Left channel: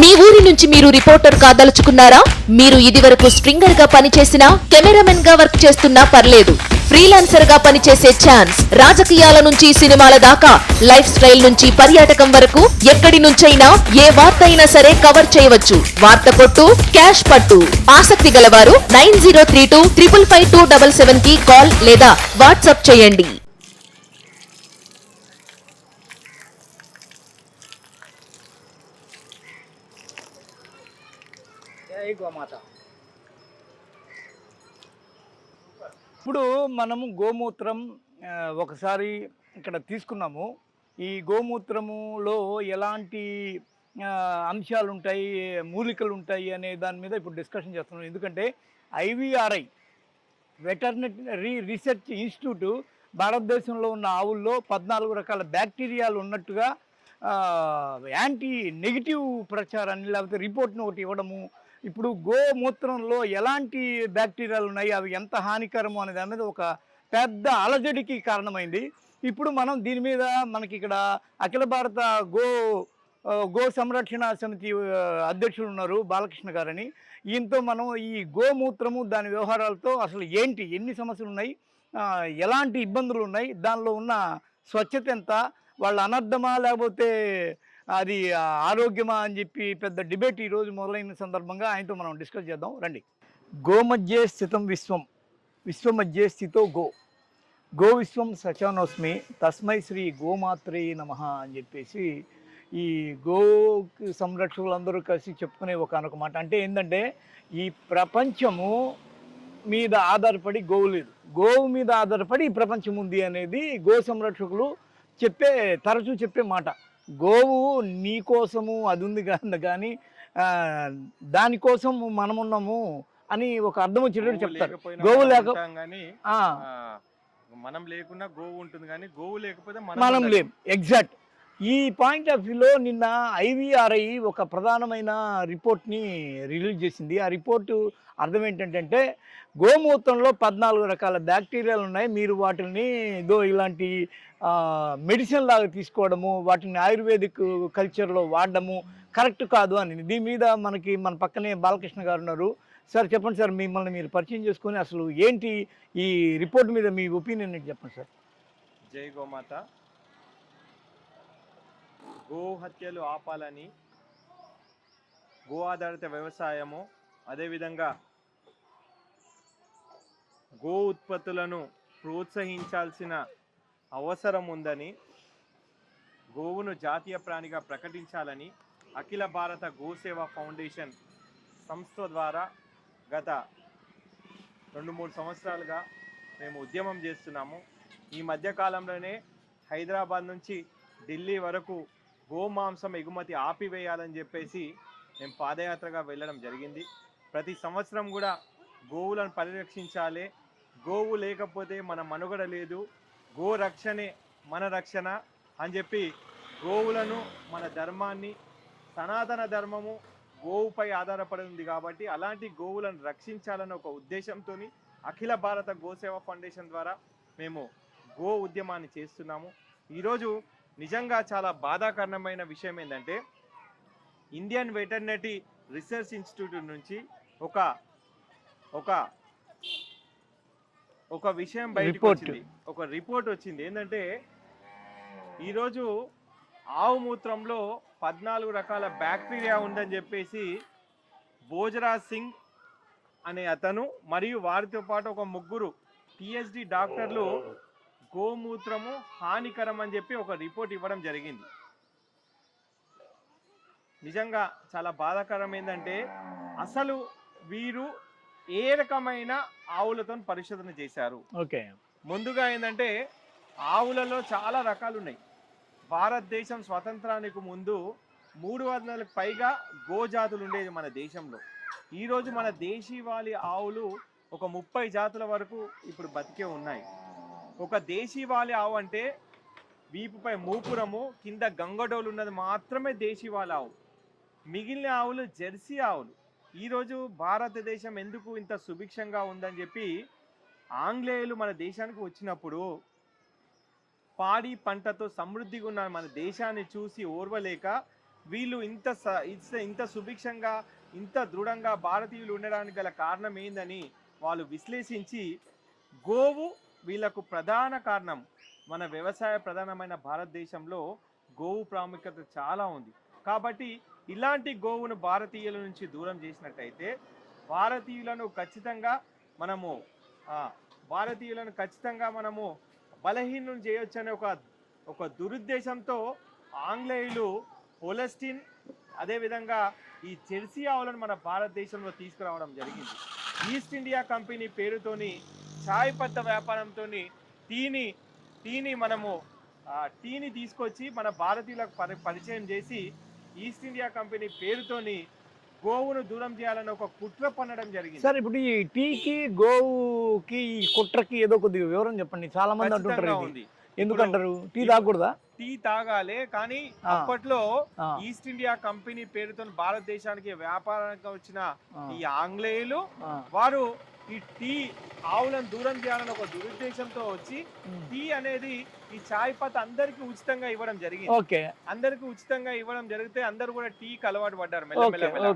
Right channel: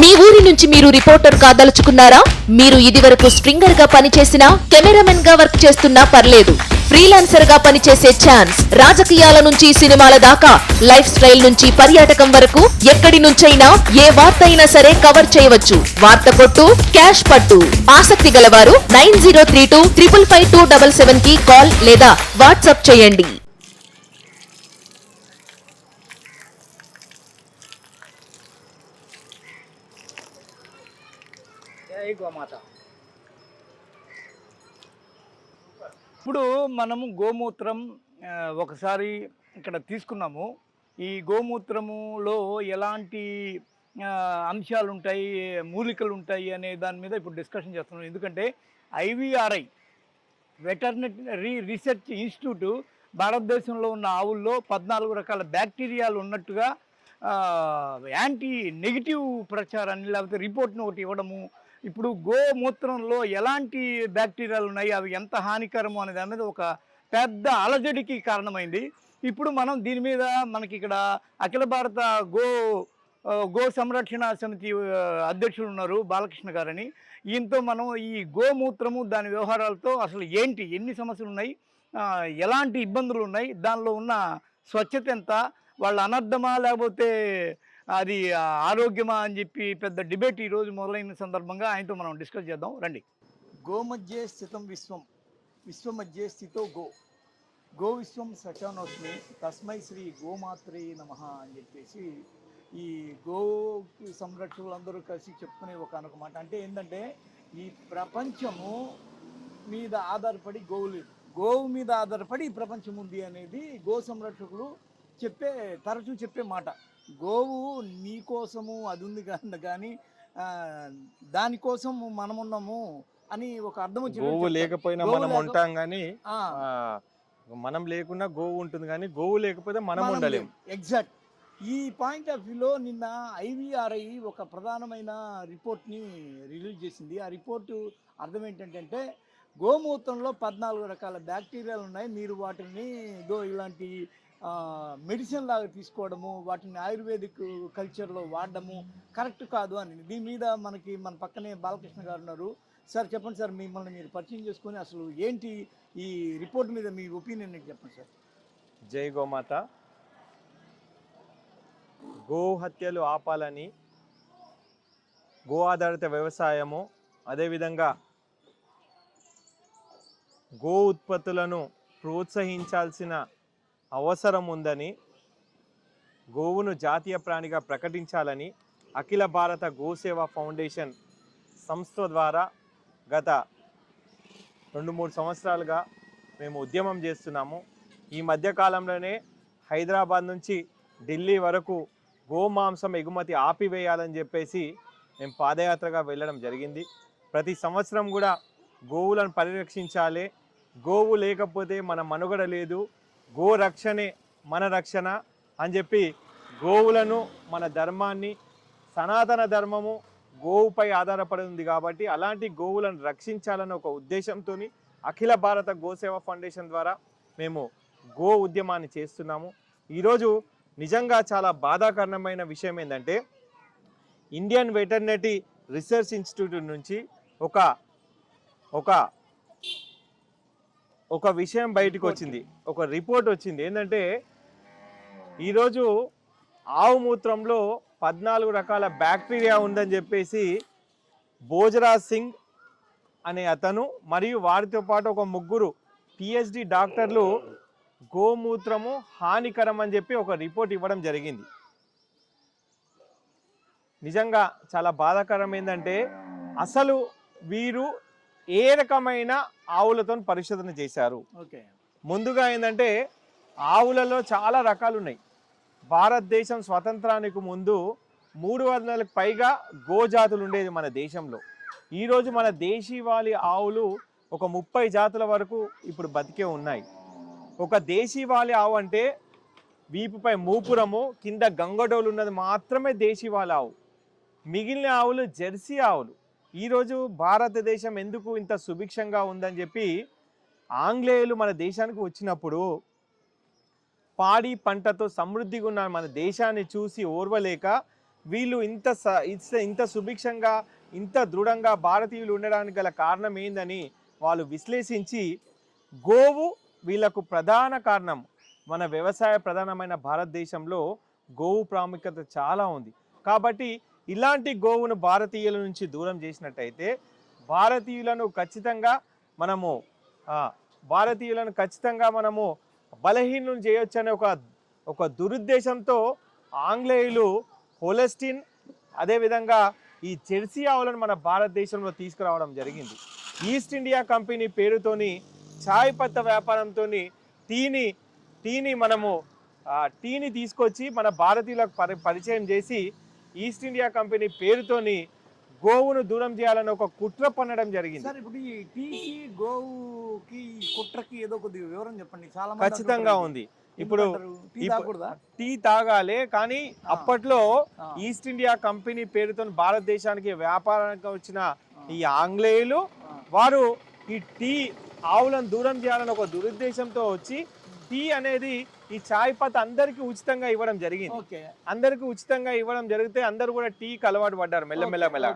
మీ ఊరి నుంచి మీరు రిపోర్టర్ కాదలుచుకున్నారా? మీరు ఇదివరకు స్ట్రింగర్గా పనిచేసినా కెమెరామెన్గా వర్క్ చేస్తున్నా పర్లేదు. ఫ్రీలాన్సర్గా పనిచేసే ఛాన్స్ రాజకీయాల నుంచి సినిమాల దాకా లైఫ్ స్టైల్ నుంచి పర్యాటకం వరకు ఎక్కడి నుంచైనా ఏ వార్త అయినా సరే కవర్ చేయవచ్చు. వార్త కొట్టు క్యాష్ పట్టు. ఆసక్తి గలవారు nine zero three two triple five two double సెవెన్కి కాల్ లేదా వాట్సాప్ చేయండి. జై గోమాత. ఇప్పుడు మనము గోమూత్రం ఒకసారి ఇక్కడ తీసుకున్నాము. ఈ గోమూత్రములో ఎలాంటి అంశాలు ఉంటాయి మూలికలు ఉంటాయి అనే దాని మీద ఇప్పుడు డిస్కషన్ చేస్తున్నాం. ఎందుకంటే ఐవీఆర్ఐ వెటర్నరీ రీసెర్చ్ ఇన్స్టిట్యూట్ భారతదేశంలో ఉన్న ఆవుల్లో పద్నాలుగు రకాల బ్యాక్టీరియాలు ఉన్నట్టుగా యాంటీ నెగిటివ్ ప్రచారాన్ని లేకపోతే రిపోర్ట్ని ఒకటి ఇవ్వడము ఇప్పుడు గోమూత్రంలో ఎలాంటి బ్యాక్టీరియాలు ఉన్నాయి? అవి ఎంత హానికరము అనే దాని మీద ఒక పెద్ద అలజడికి కారణమైంది. ఇప్పుడు మనం దీని మీద మనకి ఇక్కడ అఖిల భారత గో గో సంరక్షణ సమితి అధ్యక్షుడు అధ్యక్షులు ఉన్నారు బాలకృష్ణ గారని. ఈయనతో మనం ఈ గోమూత్రము దాని వ్యవహారాలతో అసలు ఏంటి? ఎన్ని సమస్యలు ఉన్నాయి? ఎలాంటి ఇబ్బందులు ఉన్నాయి? దానిలో ఉన్న స్వచ్ఛత ఎంత? వాళ్ళ అనర్థమా లేకపోతే అది ఆరోగ్యమా అని చెప్పి పెద్ద డిబేట్ ఈరోజు మొదలైన సందర్భంగా ఆయనతో మనం డిస్కస్ చేద్దాం. రండి. గోమధ్యే స్థితం విశ్వం. విశ్వమధ్యే స్థితో గో. గో విశ్వం సచానోస్మి. తస్మై శ్రీ గోమాత్రే నమ అని చెప్పేసి ఈ గో సంరక్షకులందరూ కలిసి చెప్పుకునే ఒక అనొక మాట. అంటే ఏంటంటే ఈ ప్రపంచము మీద ఆధారపడి గోవు లేదు. గోవు మీద ఆధారపడి ఈ ప్రపంచం ఉంది అనేది గో సంరక్షకులు చెప్పే తరచూ చెప్పే మాట. గోవు నీ కోసము అది ఉంది కానీ కానీ దానికోసం మనమున్నాము అని ఒక అర్థం వచ్చేటట్టు. లేకపోయినా గోవు మనం లేక- కానీ మనం లేకున్నా గోవు ఉంటుంది కానీ గోవు లేకపోతే మనం. లేం ఎగ్జాక్ట్ ఈ పాయింట్ ఆఫ్ వ్యూలో నిన్న ఐవీఆర్ఐ ఒక ప్రధానమైన రిపోర్ట్ని రిలీజ్ చేసింది ఆ రిపోర్టు అర్థం ఏంటంటే గోమూత్రంలో పద్నాలుగు రకాల బ్యాక్టీరియాలు ఉన్నాయి. మీరు వాటిని ఏదో ఇలాంటి మెడిసిన్ లాగా తీసుకోవడము వాటిని ఆయుర్వేదిక్ కల్చర్లో వాడడము కరెక్ట్ కాదు అని. దీని మీద మనకి మన పక్కనే బాలకృష్ణ గారు ఉన్నారు. సార్ చెప్పండి సార్ మిమ్మల్ని మీరు పరిచయం చేసుకొని అసలు ఏంటి ఈ రిపోర్ట్ మీద మీ ఒపీనియన్ ఏంటి చెప్పండి సార్? జై గోమాత. గో హత్యలు ఆపాలని గో ఆధారిత వ్యవసాయము అదేవిధంగా గో ఉత్పత్తులను ప్రోత్సహించాల్సిన అవసరం ఉందని గోవును జాతీయ ప్రాణిగా ప్రకటించాలని అఖిల భారత గోసేవ ఫౌండేషన్ సంస్థ ద్వారా గత రెండు మూడు సంవత్సరాలుగా మేము ఉద్యమం చేస్తున్నాము. ఈ మధ్యకాలంలోనే హైదరాబాద్ నుంచి ఢిల్లీ వరకు గోమాంసం ఎగుమతి ఆపివేయాలని చెప్పేసి మేము పాదయాత్రగా వెళ్ళడం జరిగింది. ప్రతి సంవత్సరం కూడా గోవులను పరిరక్షించాలి. గోవు లేకపోతే మన మనుగడ లేదు. గో రక్షణే మన రక్షణ అని చెప్పి గోవులను మన ధర్మాన్ని సనాతన ధర్మము గోవుపై ఆధారపడి ఉంది కాబట్టి అలాంటి గోవులను రక్షించాలన్న ఒక ఉద్దేశంతో అఖిల భారత గోసేవ ఫౌండేషన్ ద్వారా మేము గో ఉద్యమాన్ని చేస్తున్నాము. ఈరోజు నిజంగా చాలా బాధాకరణమైన విషయం ఏంటంటే ఇండియన్ వెటర్నరీ రీసెర్చ్ ఇన్స్టిట్యూట్ నుంచి ఒక ఒక ఒక విషయం బయటకు. వచ్చింది. ఒక రిపోర్ట్ వచ్చింది. ఏంటంటే ఈరోజు ఆవు మూత్రంలో పద్నాలుగు రకాల బ్యాక్టీరియా ఉందని చెప్పేసి భోజరాజ్ సింగ్ అనే అతను మరియు వారితో పాటు ఒక ముగ్గురు పిహెచ్డి డాక్టర్లు గోమూత్రము హానికరం అని చెప్పి ఒక రిపోర్ట్ ఇవ్వడం జరిగింది. నిజంగా చాలా బాధాకరం ఏంటంటే అసలు వీరు ఏ రకమైన ఆవులతో పరిశోధన చేశారు? ఓకే. ముందుగా ఏంటంటే ఆవులలో చాలా రకాలు ఉన్నాయి భారతదేశం స్వతంత్రానికి ముందు మూడు వందలకు పైగా గోజాతులు ఉండేది మన దేశంలో. ఈరోజు మన దేశీవాలి ఆవులు ఒక ముప్పై జాతుల వరకు ఇప్పుడు బతికే ఉన్నాయి. ఒక దేశీవాలి ఆవు అంటే వీపుపై మూపురము కింద గంగడోలు ఉన్నది మాత్రమే దేశీవాలి ఆవు. మిగిలిన ఆవులు జెర్సీ ఆవులు. ఈరోజు భారతదేశం ఎందుకు ఇంత సుభిక్షంగా ఉందని చెప్పి ఆంగ్లేయులు మన దేశానికి వచ్చినప్పుడు పాడి పంటతో సమృద్ధిగా ఉన్న మన దేశాన్ని చూసి ఓర్వలేక వీళ్ళు ఇంత స- ఇంత- ఇంత సుభిక్షంగా ఇంత దృఢంగా భారతీయులు ఉండడానికి గల కారణం ఏందని వాళ్ళు విశ్లేషించి గోవు వీళ్ళకు ప్రధాన కారణం మన వ్యవసాయ ప్రధానమైన భారతదేశంలో గోవు ప్రాముఖ్యత చాలా ఉంది. కాబట్టి ఇలాంటి గోవును భారతీయుల నుంచి దూరం చేసినట్టయితే భారతీయులను ఖచ్చితంగా మనము భారతీయులను ఖచ్చితంగా మనము బలహీనం చేయొచ్చు అనే ఒక ఒక దురుద్దేశంతో ఆంగ్లేయులు హోలెస్టిన్ అదేవిధంగా ఈ జెర్సీ ఆవులను మన భారతదేశంలో తీసుకురావడం జరిగింది. ఈస్ట్ ఇండియా కంపెనీ పేరుతోని చాయ్ పత్త వ్యాపారంతో టీని టీని మనము టీని తీసుకొచ్చి మన భారతీయులకు పరి పరిచయం చేసి ఈస్ట్ ఇండియా కంపెనీ పేరుతోని గోవును దూరం చేయాలని ఒక కుట్ర పన్నడం జరిగింది సార్ ఇప్పుడు ఈ టీకి గోవుకి ఈ కుట్రకి ఏదో కొద్దిగా వివరం చెప్పండి చాలా మంది ఖచ్చితంగా. ఉంది ఎందుకంటారు టీ తాగకూడదా టీ తాగాలి కానీ. అప్పట్లో. ఈస్ట్ ఇండియా కంపెనీ పేరుతో భారతదేశానికి వ్యాపారానికి వచ్చిన ఈ ఆంగ్లేయులు. వారు ఈ టీ ఆవులను దూరం చేయాలని ఒక దురుద్దేశంతో వచ్చి టీ అనేది ఈ చాయ్ పత్త అందరికి ఉచితంగా ఇవ్వడం జరిగింది. ఓకే. అందరికి ఉచితంగా ఇవ్వడం జరిగితే అందరూ కూడా టీకి అలవాటు పడ్డారు మెల్లమెల్ల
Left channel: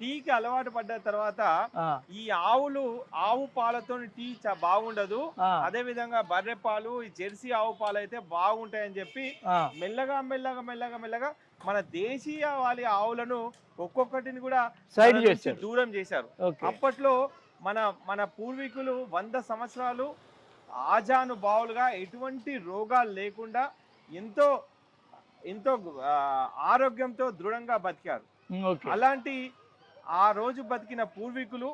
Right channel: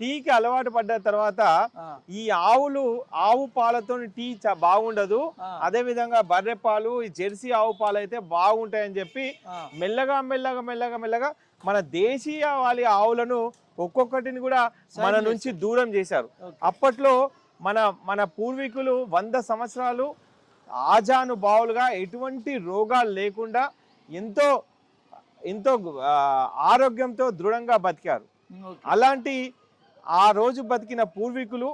టీకి అలవాటు పడ్డ తర్వాత ఈ ఆవులు ఆవు పాలతో టీ బాగుండదు. అదే విధంగా బర్రె పాలు ఈ జెర్సీ ఆవు పాలు అయితే బాగుంటాయని చెప్పి మెల్లగా మెల్లగా మెల్లగా మెల్లగా మన దేశీయ వాలి ఆవులను ఒక్కొక్కటిని కూడా మన నుంచి. దూరం చేశారు. అప్పట్లో మన మన పూర్వీకులు వంద సంవత్సరాలు ఆజాను బావులుగా ఎటువంటి రోగాలు లేకుండా ఎంతో ఎంతో ఆరోగ్యంతో దృఢంగా బతికారు. అలాంటి ఆ రోజు బతికిన పూర్వీకులు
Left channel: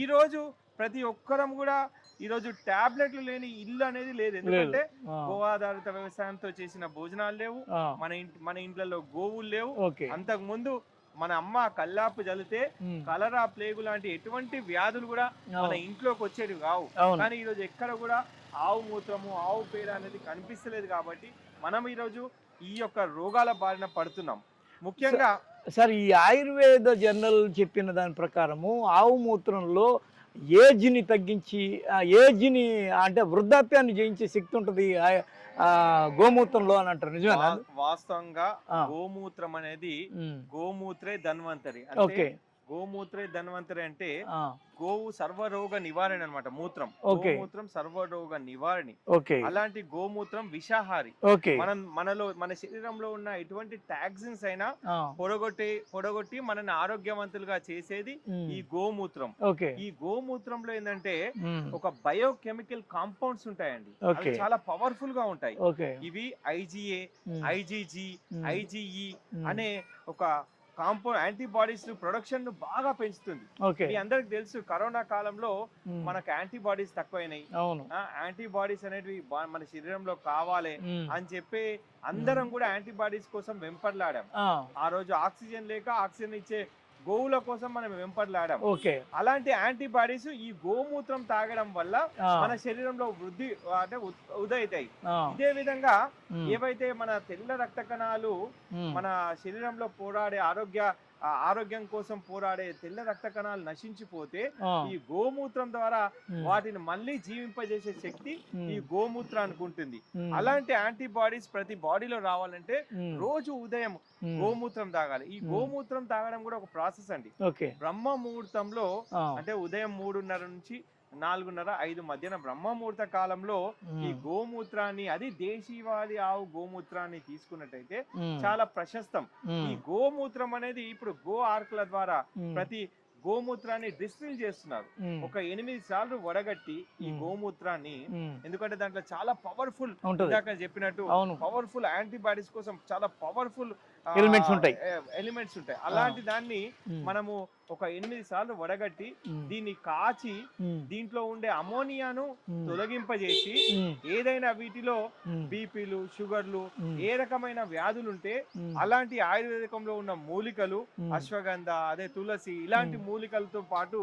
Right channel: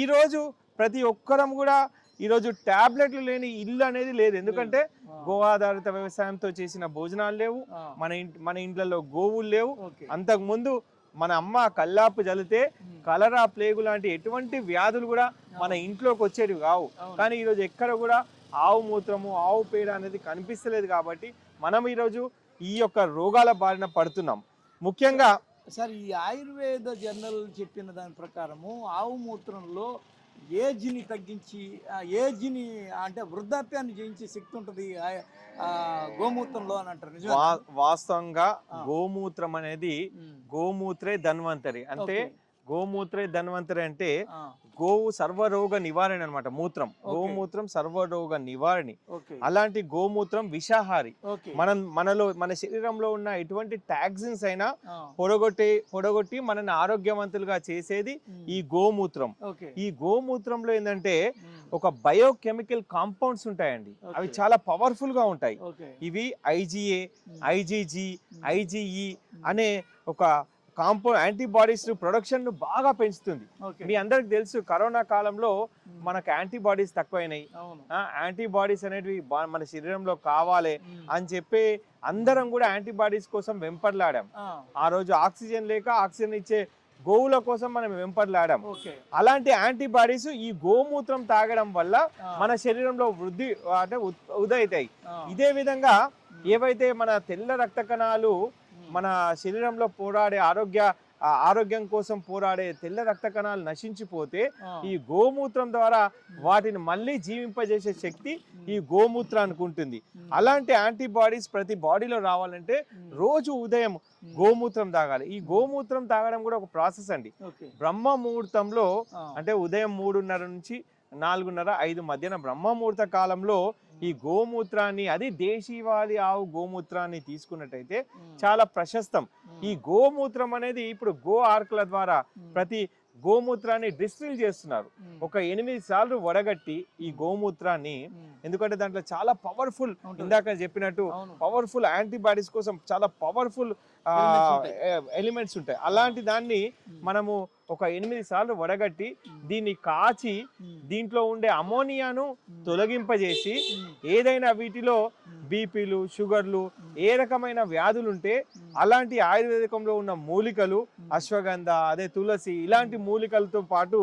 ఈ రోజు ప్రతి ఒక్కరం కూడా ఈ రోజు టాబ్లెట్లు లేని ఇల్లు అనేది లేదు. ఎందుకంటే గో ఆధారిత వ్యవసాయంతో చేసిన భోజనాలు లేవు మన ఇంటి మన ఇంట్లలో గోవులు లేవు. అంతకు ముందు మన అమ్మ కల్లాపు జలితే కలరా ప్లేగు లాంటి ఎటువంటి వ్యాధులు కూడా మన ఇంట్లోకి వచ్చేవి కావు. కానీ ఈరోజు ఎక్కడ కూడా ఆవు మూత్రము ఆవు పేడ అనేది కనిపిస్తలేదు కాబట్టి మనం ఈరోజు ఈ యొక్క రోగాల బారిన పడుతున్నాం. ముఖ్యంగా సార్ ఈ ఆయుర్వేద జర్నల్ చెప్పిన దాని ప్రకారము ఆవు మూత్రంలో ఏజ్ని తగ్గించి ఏజ్ని అంటే వృద్ధాప్యాన్ని జయించే శక్తి ఉంటుంది. గోమూత్రంలో అని అంటారు. వాస్తవంగా. గోమూత్రం అనేది గోమూత్రే ధన్వంతరి. అంటే గోమూత్రే ధన్వంతరి అంటే గోవు సర్వరోగ నివారణ అన్నమాట మూత్రం. గోమూత్రం సర్వరోగ నివారణి. అలాంటి గోమూత్రం విషాహారి. మనం మనలో మన శరీరంలో ఉన్న ఎటువంటి టాక్సిన్స్ అయినా పొడగొట్టి పొడగొట్టి మనని ఆరోగ్యవంతులుగా చేసేది ఈ గోమూత్రం. ఈ గోమూత్రంలో ఏంటంటే ఒక బయోకెమికల్ కాంపౌండ్స్ ఉంటాయండి. అవి. చాలా పవర్ఫుల్గా ఉంటాయి ఇవి ఐజిఏ ఐజిజి ఐజిఈ అనే ఒక కాంపౌ యాంటీబాడీస్ ప్రొడక్షన్ను బాగా పెంచుతుంది. మీ అందరికి తెలుసు కరోనా కాలంలో మనకు యాంటీబాడీస్ తక్కువైనాయి. యాంటీబాడీస్ అనేటివి మన శరీరంలో కావాలి అని చెప్పి అందరం కూడా యాంటీబాడీస్ కోసం వెంపర్లాడాం. ఆ రోజు ఆక్సిజన్ లేక ఆక్సిజన్ ఇచ్చే గోవుల కోసం మనం వెంపర్లాడాం. ఓకే. అలాంటి యాంటీబాడీస్ ఈ గోమూత్రం తాగడం వల్ల మన శరీరంలో వృద్ధి అంటే ఉదయితాయి. ఇదే విధంగా ఏవైతే మన తెల్ల రక్త కణాలు మన శరీరంలో పోరాడే ఆరోగ్య ఆరోగ్యం కోసం పోరాడే తెల్ల రక్త కణాలు నశించిపోతే ఈ గోమూత్రం ద్వారా వాటిని మళ్ళీ జీవింపజేసే శక్తి ఈ గోమూత్రానికి ఉంటుంది. అలాంటి యాంటీబాడీస్ ప్రతి బాడీలో రావాలంటే రోజు ఉదయం గోమూత్రం తాగాలి. ఈ గోమూత్రం తాగడం కూడా ఒక ప్రాసెస్ అండి. బ్రహ్మ ముహూర్తంలో అంటే ఉదయం మూడున్నర నుంచి నాలుగున్నర ఐదు మధ్యన బ్రహ్మ ముహూర్త కాలంలో ఈ గోమూత్రాన్ని అది దేశీవాలి ఆవు గోమూత్రాన్ని తీసుకున్నట్టయితే చాలా ప్రశస్తం. ఈ గోమూత్రం అనేది ఇప్పుడు గో ఆర్కుల ద్వారా ప్రతి గోమూత్రాన్ని డిస్టిల్ చేస్తున్నారు. ఒక ఎనిమిది సార్లు వడగట్టి ఈ. గోమూత్రాన్ని ఎందుకంటే దాంట్లో చాలా పవర్ఫుల్ ఇందాక చెప్పినట్టు అవును. పవర్ఫుల్ యాంటీబాడీస్ కోసం చాలా పవర్ఫుల్ Elements ఉంటాయి. ఎలిమెంట్స్ ఉంటాయి. అలాంటి దాన్ని మనము ఒక ఎనిమిది సార్లు వడగట్టి దీన్ని కాచి దీంట్లో ఉండే అమోనియాను తొలగింపజేసి ఏదైనా వీటిలో బీపీలు షుగర్లు ఏ రకమైన వ్యాధులు ఉంటే అలాంటి ఆయుర్వేదికంలో ఉన్న మూలికలు అశ్వగంధ అదే తులసి ఇలాంటి మూలికలతో పాటు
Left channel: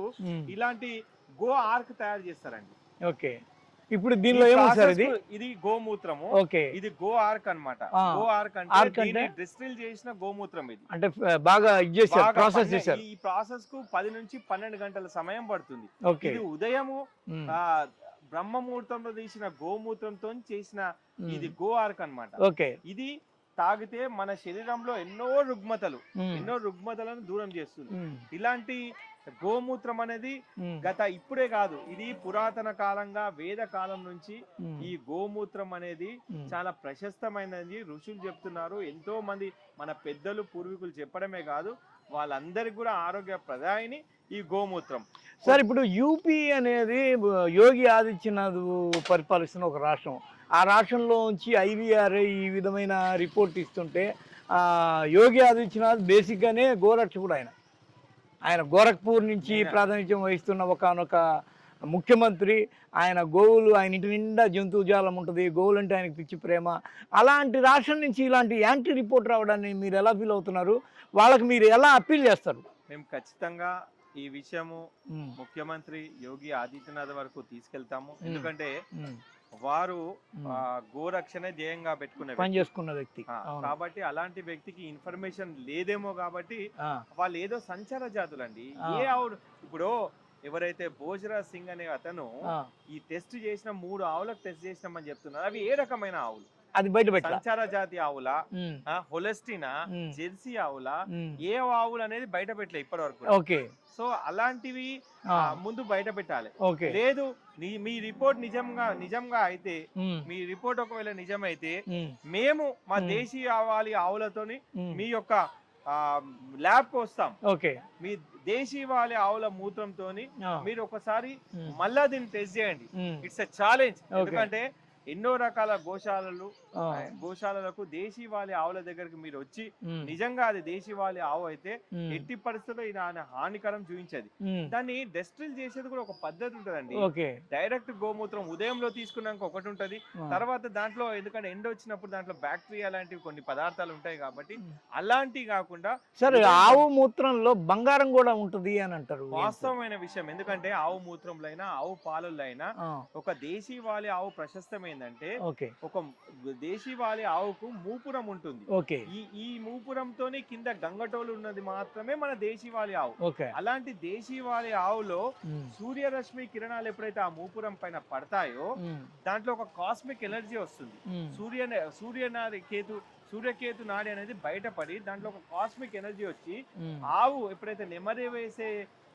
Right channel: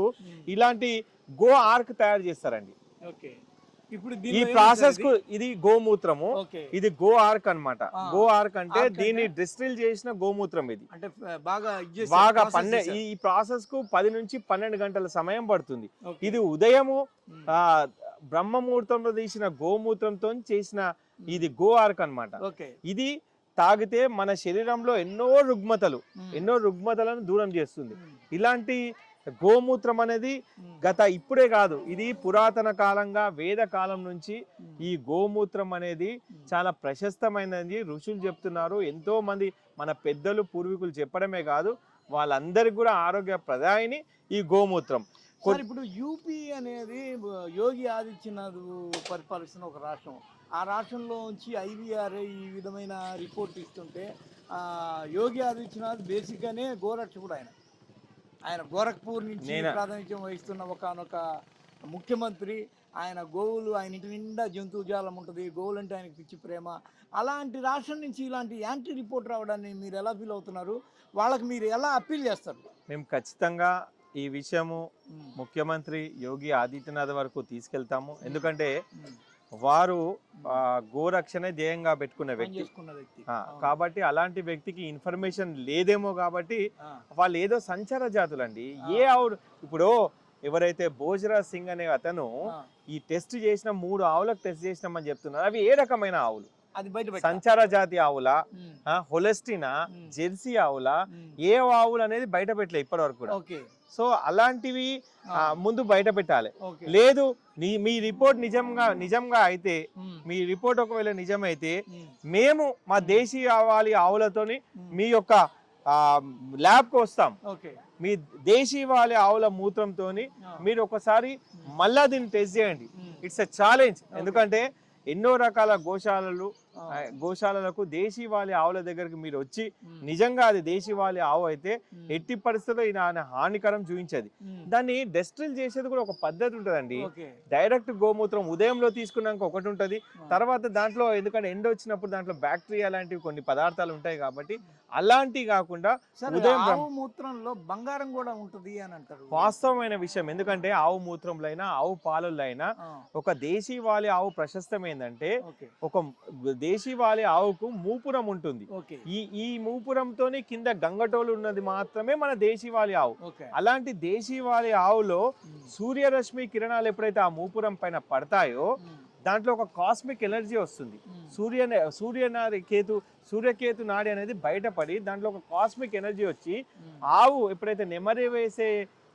ఇలాంటి గో ఆర్క్ తయారు చేస్తారండి. ఓకే. ఇప్పుడు దీనిలో ప్రాసెస్ ఇది? గోమూత్రము. ఓకే. ఇది గో ఆర్క్ అన్నమాట ఆ. గో ఆర్క్ అంటే? దీన్ని డిస్టిల్ చేసిన గోమూత్రం ఇది. అంటే బాగా ఈ ప్రాసెస్కు పది నుంచి పన్నెండు గంటల సమయం పడుతుంది. ఇది ఉదయము బ్రహ్మ ముహూర్తంలో తీసిన గోమూత్రంతో చేసిన ఇది గో ఆర్క్ అన్నమాట ఓకే. ఇది తాగితే మన శరీరంలో ఎన్నో రుగ్మతలు. ఎన్నో రుగ్మతలను దూరం చేస్తుంది. ఇలాంటి గోమూత్రం అనేది. గత ఇప్పుడే కాదు ఇది పురాతన కాలంగా వేద కాలం నుంచి. ఈ గోమూత్రం అనేది. చాలా ప్రశస్తమైనది ఋషులు చెప్తున్నారు ఎంతో మంది మన పెద్దలు పూర్వీకులు చెప్పడమే కాదు వాళ్ళందరికీ కూడా ఆరోగ్య ప్రదాయిని ఈ గోమూత్రం సార్ ఇప్పుడు యూపీ అనేది యోగి ఆదిత్యనాథ్ పరిపాలిస్తున్న ఒక రాష్ట్రం ఆ రాష్ట్రంలో నుంచి ఐవీఆర్ ఈ విధమైన రిపోర్ట్ ఇస్తుంటే ఆ, యోగి ఆదిత్యనాథ్ బేసిక్గానే గోరక్షకుడు ఆయన ఆయన గోరఖ్పూర్ నుంచి? ప్రాతినిధ్యం వహిస్తున్న ఒకనొక ముఖ్యమంత్రి. ఆయన గోవులు ఆయన ఇంటి నిండా జంతువు జాలం ఉంటుంది. గోవులు అంటే ఆయనకి పిచ్చి ప్రేమ. అలాంటి రాష్ట్రం నుంచి ఇలాంటి యాంటీ రిపోర్ట్ రావడాన్ని మీరు ఎలా ఫీల్ అవుతున్నారు? వాళ్ళకి మీరు ఎలా అప్పీల్ చేస్తారు? మేము ఖచ్చితంగా ఈ విషయము ముఖ్యమంత్రి యోగి ఆదిత్యనాథ్ వరకు తీసుకెళ్తాము. ఎందుకంటే. వారు ఆ, గోరక్షణ ధ్యేయంగా పెట్టుకునే పని. చేసుకున్న వ్యక్తి. కాబట్టి అలాంటి వ్యక్తికి ఇన్ఫర్మేషన్ లేదేమో కాబట్టి వాళ్ళు ఏదో సంచార జాతులండి ఆ. ఏ ఆవులు ఇప్పుడు ఎవరైతే భోజరాజ్ సింగ్ అనే అతను. ఈ టెస్ట్ చేసిన మూడు ఆవులకు టెస్ట్ చేసినామని చెప్తున్నారు అవి ఏ రకమైన ఆవులు అది బయట సంచార జాతి ఆవుల హొలెస్టినా. జెర్సీ ఆవుల ఏ ఆవులు అనేది బయట పెట్టలే ఇప్పటి వరకు. ఓకే. సో అలాంటివి ముందు బయట పెట్టాలి. లేదు మీ రిపోర్ట్ నిజంగా నిజంగా అయితే మీ రిపోర్ట్ ఒకవేళ నిజమైతే మేము. మా. దేశీయ ఆవాలి ఆవులతోని. మీ యొక్క ల్యాబ్కు వస్తాం. ఓకే. మీ దేశీవాళి ఆవుల మూత్రంతోని ఆ, మీరు ఒకసారి మళ్ళా దీన్ని టెస్ట్ చేయండి. It's a challenge. ఎందుకంటే ఎన్నో రకాల గోశాలలు గోశాలలకు దేశీవాళి ఆవుల దగ్గరికి మీరు వచ్చి నిజంగా అది దేశీవాళి ఆవు అయితే ఎట్టి పరిస్థితుల్లో ఈయన ఆయన హానికరం చూపించేది. దాన్ని డెస్టిల్ చేసేది కూడా ఒక పద్ధతి ఉంటదండి. డైరెక్ట్ గోమూత్రం ఉదయంలో తీసుకున్నాక ఒకటి ఉంటది. తర్వాత దాంట్లో ఎందుకంటే ఎండ వచ్చినప్పుడు దాంట్లో బ్యాక్టీరియా లాంటివి కొన్ని పదార్థాలు ఉంటాయి కాబట్టి. అలాంటివి కాకుండా సరే ఆవు మూత్రంలో బంగారం కూడా ఉంటది అని అంటారు. వాస్తవమైన విషయం. ఎందుకంటే ఆవు మూత్రంలో అయినా ఆవు పాలల్లో అయినా ఒక దేశీవాలి ఆవు ప్రశస్తం ఏంటంటే ఒక దేశీవాలి ఆవుకు మూపురం ఉంటుంది. ఓకే. ఈ ఈ మూపురంతోని కింద గంగటోలు ఉన్నది మాత్రమే మన దేశీవాలి ఆవు. అలాంటి దేశీవాలి ఆవులో సూర్యరశ్మి కిరణాలు ఎప్పుడైతే ఆ మూపురం పైన పడతాయో దాంట్లో ఒక కాస్మిక్ ఎనర్జీ వస్తుంది. సూర్య సూర్యనాది కేతు సూర్యకేతు నాడి అనేది బయటపడి దాంట్లో ఒక కాస్మిక్ ఎనర్జీ వచ్చి ఆవు ఎప్పుడైతే నెమరి వేసే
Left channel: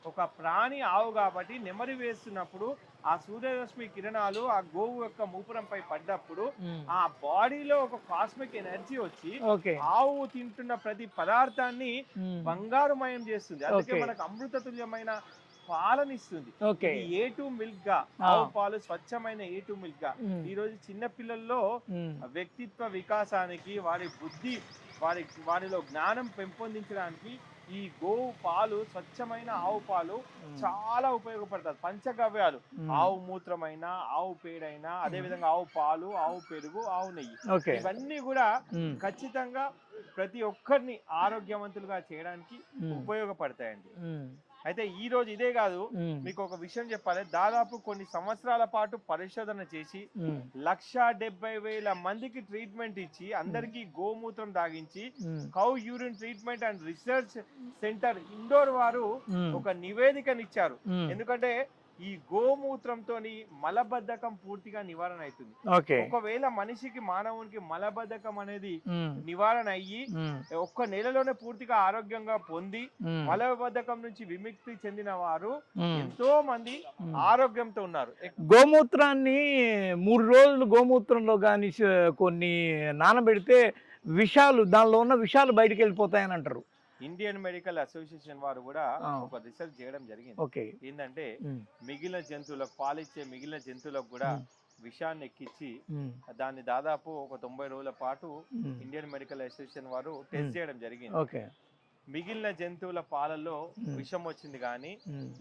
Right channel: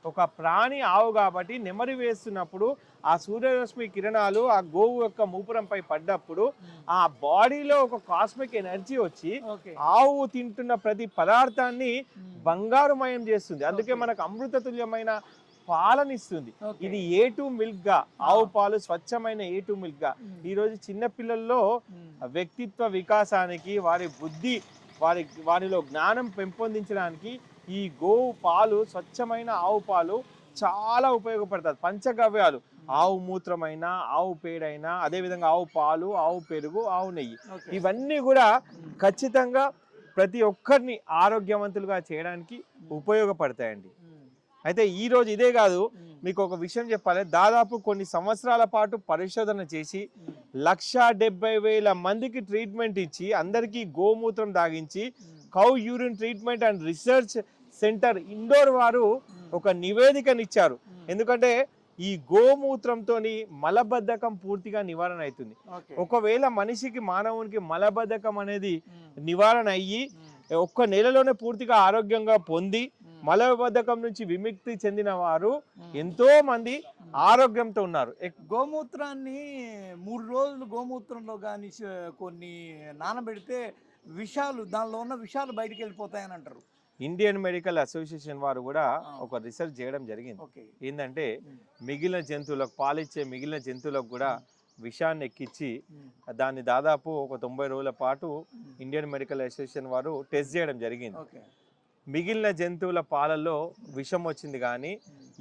ఒక ప్రాణి ఆవు కాబట్టి నెమరి వేస్తున్నప్పుడు ఆ సూర్యరశ్మి కిరణాలు ఆ గోవు యొక్క మూపురంపై పడ్డప్పుడు ఆ బాడీలో ఒక కాస్మిక్ ఎనర్జీ వచ్చి ఆవు తింటున్న ప్రతి పదార్థాన్ని బంగారుమయం చేస్తుంది. అందుకే. మనకు అమృత తుల్యమైన పాలనిస్తుంది. ఇది ఏ టూ మిల్క్గా. ఆవు పాలు స్వచ్ఛమైన ఏ టూ మిల్క్గా? ఈ రోజు చిన్న పిల్లల్లో వ్యక్తిత్వ వికాసానికి వారి బుద్ధి వారి వారిలో జ్ఞానం పెంపొందించడానికి ఈ గోవు పాలు స్వచ్ఛమైన ఆవు పాలు చాలా ఉపయోగపడతాయి. పంచగవ్యాలు. ఆవు మూత్రమైనా ఆవు పేడైనా అదే విధంగా ఆవు పాలు ఆవు పెరుగు ఆవు నెయ్యి. ఇవన్నీ కూడా ఖచ్చితంగా ప్రతి ఒక్కరిని ఆరోగ్యవంతులుగా చేయడానికి ఉపయోగపడతాయండి. అయితే ఈ రోజు ఇదే కాదు. మీకు ఒక విషయం చెప్పాలి. దాదాపు కొన్ని సంవత్సరాల పాటు పరిశోధన చేసి లక్ష డెబ్బై వేల మందికి ట్రీట్మెంట్ ఇచ్చి అందరికీ గోమూత్రం దాగించి cow urine treatment and research centre Indore వారు ఒక నివేదికనిచ్చారు. ఎందుకంటే ఈ గోమూత్రంతో మలబద్ధకం పూర్తిగా నివారణ అవుతుంది. ఒకవేళ మనిషికి మానవునికి మలబద్ధకం అనేది నివారణ అయ్యి ఒక్క నెలలోనే పూర్తిగా ఆరోగ్యంగా పొంది మలబద్ధకం నుంచి విముక్తి చెందిన వారు. ఎంతో మంది. ఆరోగ్యంతో ఉన్నారు. గోమూత్రాన్ని మూడు రోజులు గోమూత్రంలో కానీ కొన్ని నానబెడితే విషాలు దానిలో ఉన్న విషాలు బయటికి వెళ్ళిపోతాయని అంటారు. ఇండియన్ మెడికల్ అసోసియేషన్ వారు కూడా. ఒక రీసెర్చ్ చేయడం జరిగింది. ఏంటంటే మిగిలిన జంతువులకు పాలిచ్చే మిగిలిన జంతువులకు కూడా. విషాన్ని ఎక్కించి దాన్ని దాదాపు ఒక తొంభై రోజుల పాటు ఇండియన్ మెడికల్ అసోసియేషన్ వారు టెస్ట్. చేయడం జరిగింది. మిగిలిన జంతువుల పాలలో ఉమ్. విషం వచ్చింది కానీ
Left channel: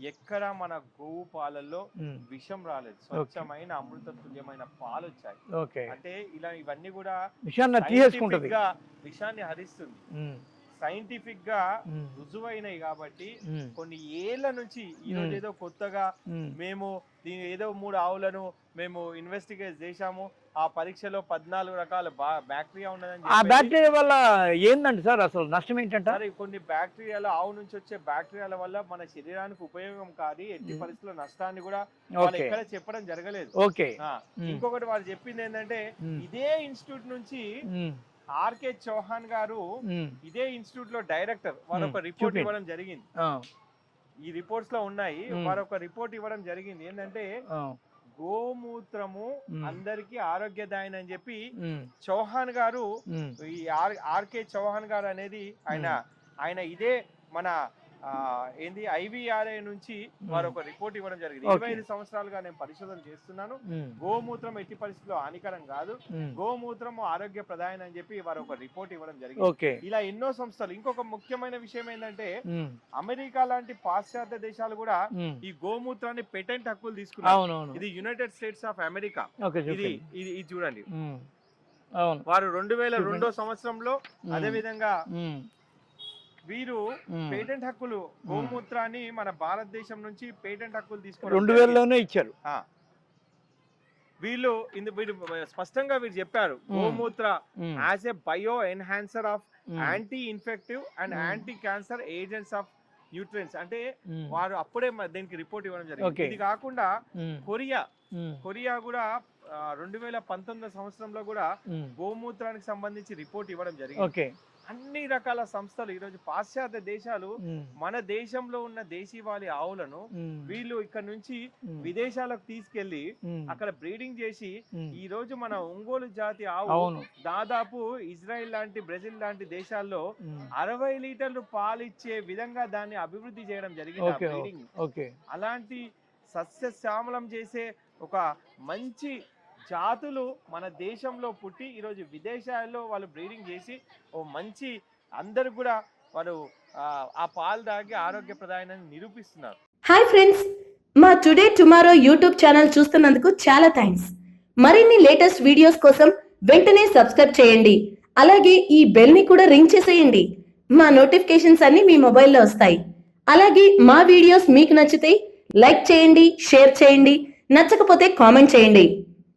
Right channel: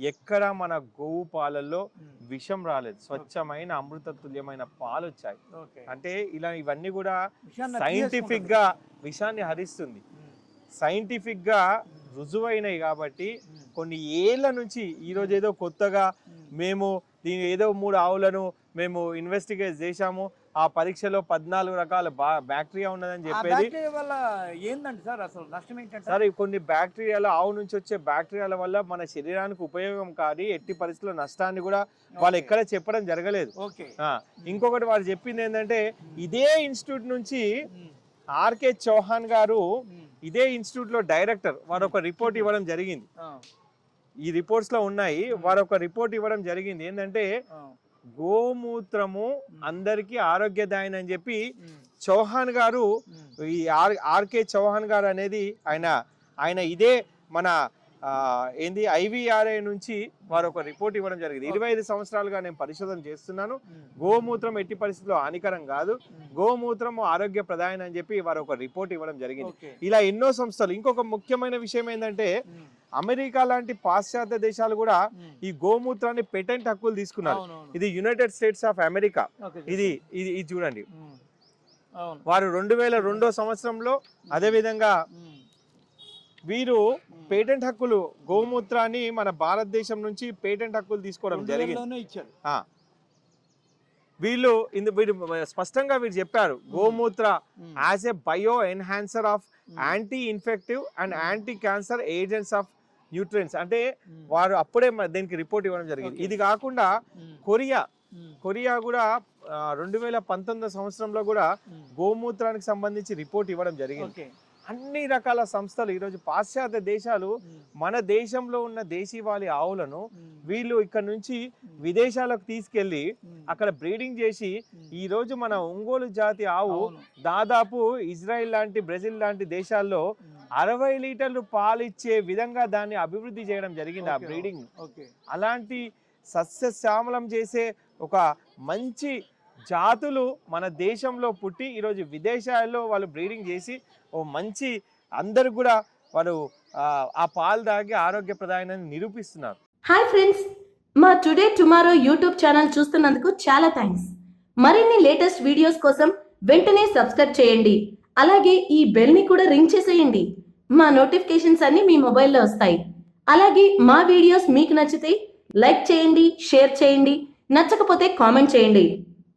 ఎక్కడ మన గోవు పాలల్లో విషం రాలేదు. స్వచ్ఛమైన అమృత తుల్యమైన పాలు వచ్చాయి ఓకే. అంటే ఇలా ఇవన్నీ కూడా సైంటిఫిక్గా విషాన్ని హరిస్తుంది. సైంటిఫిక్గా రుజువైనవి కాబట్టి కొన్ని ఏళ్ళ నుంచి ఈ రోజు. ఏదో కొత్తగా మేము దీని ఏదో మూడు ఆవులను మేము ఇన్వెస్టిగేట్ చేశాము ఆ పరీక్షలో పద్నాలుగు రకాల బ్యాక్టీరియా ఉన్నదని ఆ బ్యాక్టీరియా వల్ల ఏందండి సార్ అసలు నష్టం ఏంటంటే సార్ కొన్ని బ్యాక్టీరియాలు ఆవు నుంచి వచ్చే బ్యాక్టీరియాల వల్ల మన శరీరానికి ఉపయోగం కాదు ఎట్టి. పరిస్థితుల్లో నష్టాన్ని కూడా వాళ్ళు. ఎక్కడ చెప్పడం జరగలేదు ఓకే. ఇంకొకటి వారు చెప్పింది ఏంటంటే. ఇదే ఇన్స్టిట్యూట్ నుంచి ఆర్కే చౌహాన్ గారు ఇదే ఇన్స్టిట్యూట్లో డైరెక్టర్. వారు ఒక. రిపోర్ట్. ఇవ్వడం జరిగింది. ఈ రిపోర్ట్స్లో ఉన్నాయి. వారు ఒక రిపోర్ట్ ఇవ్వడం జరిగింది. ఏంటంటే గోమూత్రము. అందరికి ఆరోగ్యదాయని అని చెప్పి చౌహాన్ గారు ఈ ఆర్ ఆర్కే చౌహాన్ గారు అనేది ఆయన ఆయన ఇదే మన ఏంది? ఐవిఆర్ఏ నుంచి వారు ఒక రిపోర్ట్ ఇవ్వడం జరిగింది. ఇరవై ఐదు సంవత్సరాలుగా నేను పరిశోధన చేస్తున్నాను. గోమూత్రం ఎట్టి పరిస్థితుల్లో హానికరం కాదు. గోమూత్రం ఆరోగ్య ప్రధానం అని చెప్పి వారు ఒక రిపోర్ట్ ఇవ్వడం జరిగింది. ఇలా ఎన్నో సంస్థలు ఇంకొక ముఖ్యమైన విషయం ఏంటంటే అమెరికా లాంటి పాశ్చాత్య దేశాలు కూడా. ఈ గోమూత్రాన్ని పేటెంట్ హక్కులు తీసుకున్నారు. ఇది యునైటెడ్ స్టేట్స్ ఆఫ్ అమెరికా. ఇది. ఇది చూడండి. వారు రెండు వేల రెండో సంవత్సరంలో అదే విధంగా వీరు. పేటెంట్ హక్కులు గోమూత్రాన్ని మన భారతదేశం నుంచి పేటెంట్ హక్కులు తీసుకోవడం రెండు. వేలలోనే ఇచ్చారు. వీళ్ళు వీరు స్పష్టంగా వీరు చెప్పారు gomutra as a bio enhancer of anti infective and. Anti cancer agents of nutrients అంటే వారు అప్పుడే దీనికి రిపోర్ట్ ఇవ్వడం జరిగింది. ఇది కాకుండా కొరియా కొరియా కూడా రెండు వేల పంతొమ్మిదో సంవత్సరంలో కూడా. గోమూత్రానికి సంబంధించి రిపోర్ట్ ఇవ్వడం జరిగింది ఓకే అన్ని రకాల సంస్థలు ఈరోజు పాశ్చాత్య దేశాలు మన దేశంలో ఉన్న దేశీవాలి ఆవులను వీళ్ళు ఇక్కడ నుంచి విదేశాలకు తీసుకెళ్ళి అక్కడ బ్రీడింగ్ చేసి. ఈ రోజు మన ఒంగోలు జాతి ఆవు దాదాపు ఇజ్రాయెల్ లాంటి బ్రెజిల్ లాంటి దేశాల్లో అరవై లీటర్లు పాలు ఇచ్చే విధంగా దాన్ని అభివృద్ధి చేయడం జరిగింది ఆ బ్రీడింగ్. ఓకే. అలాంటి సస్యశ్యామలం చేసే ఒక మంచి జాతులు మన దేశంలో పుట్టి ఈరోజు విదేశాల్లో వాళ్ళు బ్రీడింగ్ చేసి ఓ మంచి అందరు కూడా వారు ఆ, పాలు తాగి ఆరోగ్య నిరూపిస్తున్నారు. హాయ్ ఫ్రెండ్స్ మా టుడే టుమారో యూట్యూబ్ ఛానల్ చూస్తున్నందుకు చాలా థ్యాంక్స్. మరిన్ని లేటెస్ట్ వీడియోస్ కోసం వెంటనే సబ్స్క్రైబ్ చేయండి. అలాగే ఈ బెల్ని కూడా రింగ్ చేసేయండి. మా నోటిఫికేషన్స్ అన్ని మీ మొబైల్లో వస్తాయి. అలాగే మా వీడియోస్ మీకు నచ్చితే లైక్ చేయండి షేర్ చేయండి నచ్చకపోతే కామెంట్ చేయండి.